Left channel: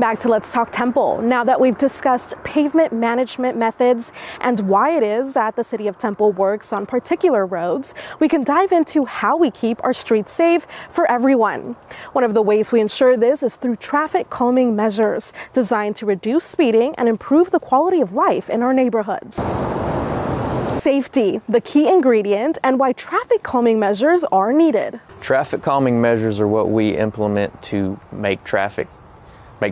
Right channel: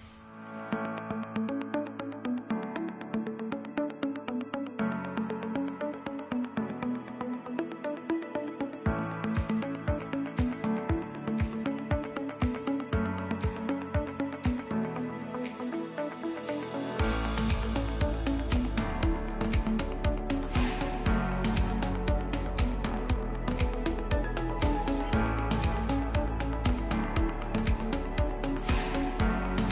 Welcome back to Let's Talk Temple. Now that we've discussed pavement management methods and why it is that the City of Temple works on particular roads, we can dive into how we keep our streets safe for everyone. One of the ways we ensure this is through traffic calming measures designed to reduce speeding and improve the quality of life in our neighborhoods. Safety, the key ingredient, and why traffic calming measures are needed. Traffic calming measures are what we implement to make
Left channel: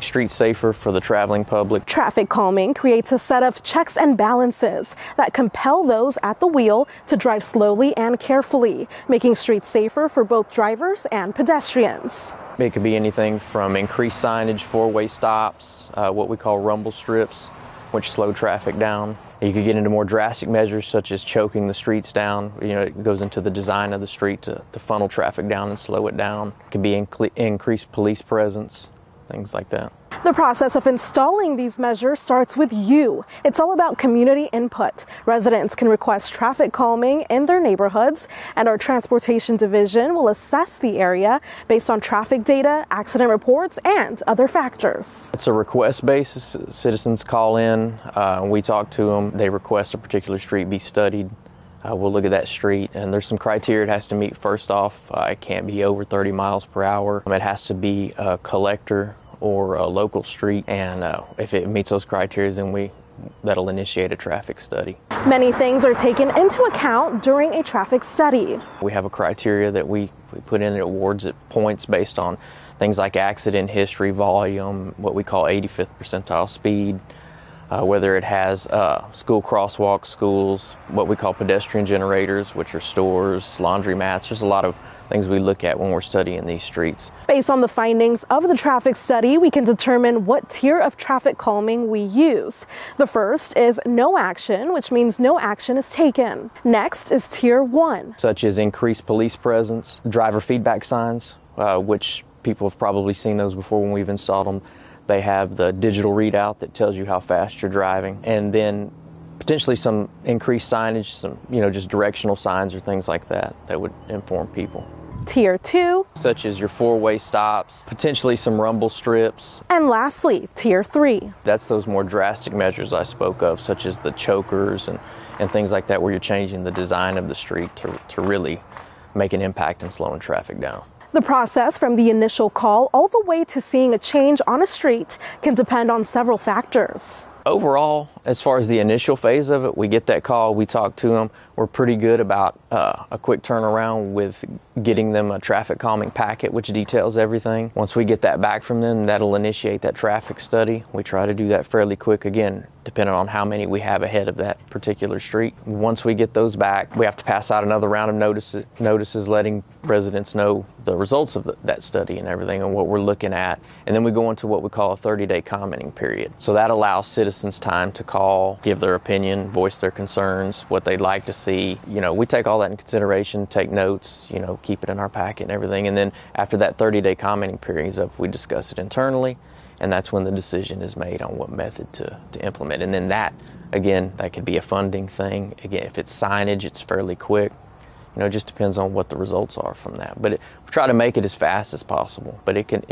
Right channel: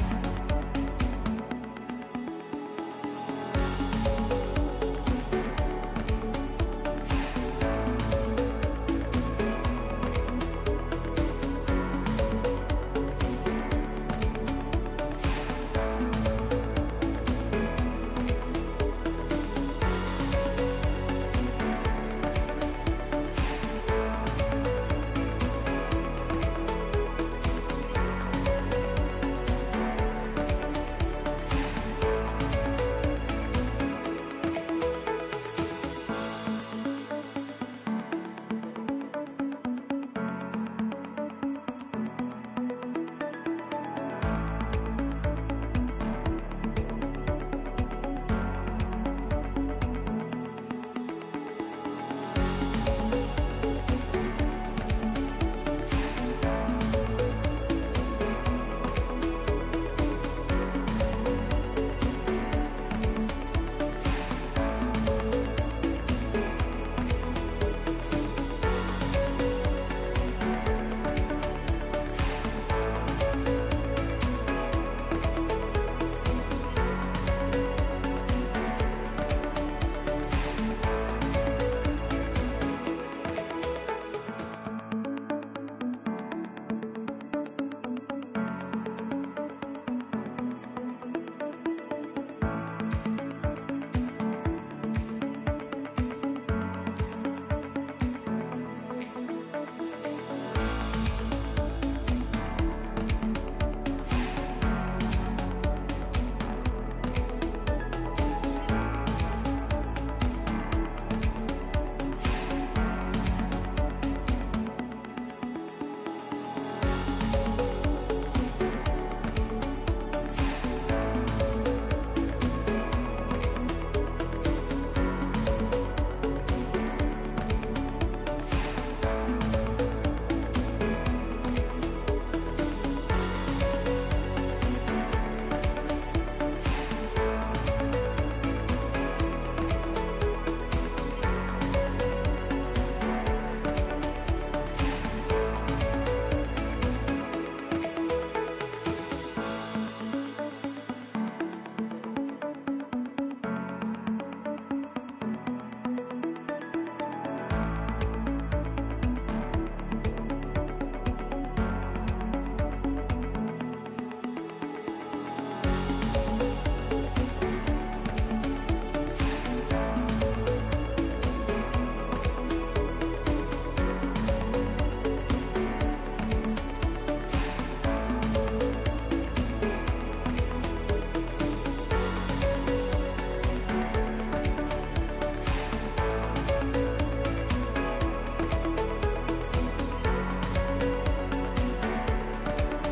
streets safer for the traveling public. Traffic calming creates a set of checks and balances that compel those at the wheel to drive slowly and carefully, making streets safer for both drivers and pedestrians. It could be anything from increased signage, four-way stops, what we call rumble strips, which slow traffic down. You could get into more drastic measures such as choking the streets down. It goes into the design of the street to funnel traffic down and slow it down. It can be increased police presence, things like that. The process of installing these measures starts with you. It's all about community input. Residents can request traffic calming in their neighborhoods, and our transportation division will assess the area based on traffic data, accident reports, and other factors. It's a request basis. Citizens call in, we talk to them, they request a particular street be studied. We'll look at that street, and there's some criteria it has to meet. First off, it can't be over 30 miles per hour. It has to be a collector or a local street, and if it meets those criteria, then that'll initiate a traffic study. Many things are taken into account during a traffic study. We have a criteria that we put in. It awards it points based on things like accident history, volume, what we call 85th percentile speed, whether it has school crosswalks, schools, what we call pedestrian generators, which are stores, laundromats. There's a lot of things we look at when we're studying these streets. Based on the findings of the traffic study, we can determine what tier of traffic calming we use. The first is no action, which means no action is taken. Next is tier 1. Such as increased police presence, driver feedback signs, which people have probably seen those before when we've installed them. They have the digital readout that tells you how fast you're driving, and then potentially some increased signage, some just directional signs or things like that would inform people. Tier 2. Such as your four-way stops, potentially some rumble strips. And lastly, tier 3. That's those more drastic measures I spoke of, such as the chokers and things like that, where you're changing the design of the street to really make an impact in slowing traffic down. The process from the initial call all the way to seeing a change on a street can depend on several factors. Overall, as far as the initial phase of it, we get that call, we talk to them. We're pretty good about a quick turnaround with getting them a traffic calming packet, which details everything. Once we get that back from them, that'll initiate that traffic study. We try to do that fairly quick, again, depending on how many we have ahead of that particular street. Once we get those back, we have to pass out another round of notices letting residents know the results of that study and everything and what we're looking at. And then we go into what we call a 30-day commenting period. So that allows citizens time to call, give their opinion, voice their concerns, what they'd like to see. We take all that in consideration, take notes, keep it in our packet and everything. And then after that 30-day commenting period is up, we discuss it internally, and that's when the decision is made on what method to implement. And then that, again, that could be a funding thing. Again, if it's signage, it's fairly quick. It just depends on what the results are from that. But try to make it as fast as possible, but it can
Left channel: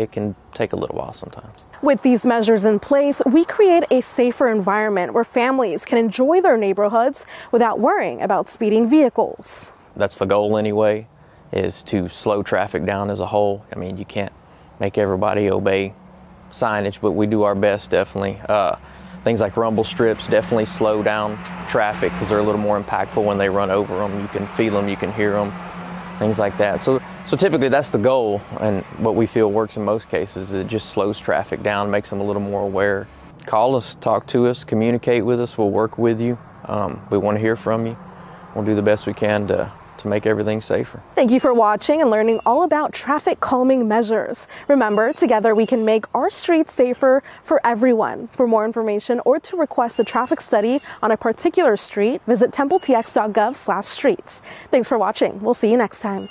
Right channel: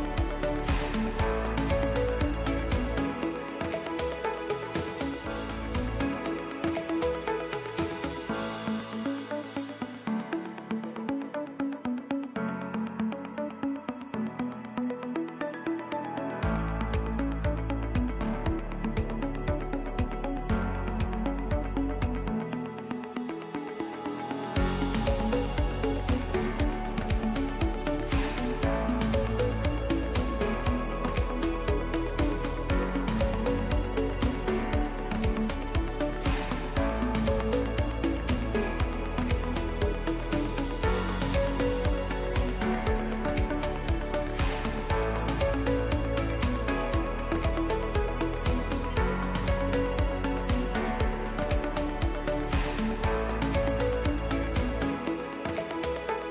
take a little while sometimes. With these measures in place, we create a safer environment where families can enjoy their neighborhoods without worrying about speeding vehicles. That's the goal anyway, is to slow traffic down as a whole. You can't make everybody obey signage, but we do our best, definitely. Things like rumble strips definitely slow down traffic because they're a little more impactful when they run over them. You can feel them, you can hear them, things like that. So typically that's the goal, and what we feel works in most cases is it just slows traffic down, makes them a little more aware. Call us, talk to us, communicate with us, we'll work with you. We want to hear from you. We'll do the best we can to make everything safer. Thank you for watching and learning all about traffic calming measures. Remember, together we can make our streets safer for everyone. For more information or to request a traffic study on a particular street, visit templetx.gov/streets. Thanks for watching. We'll see you next time.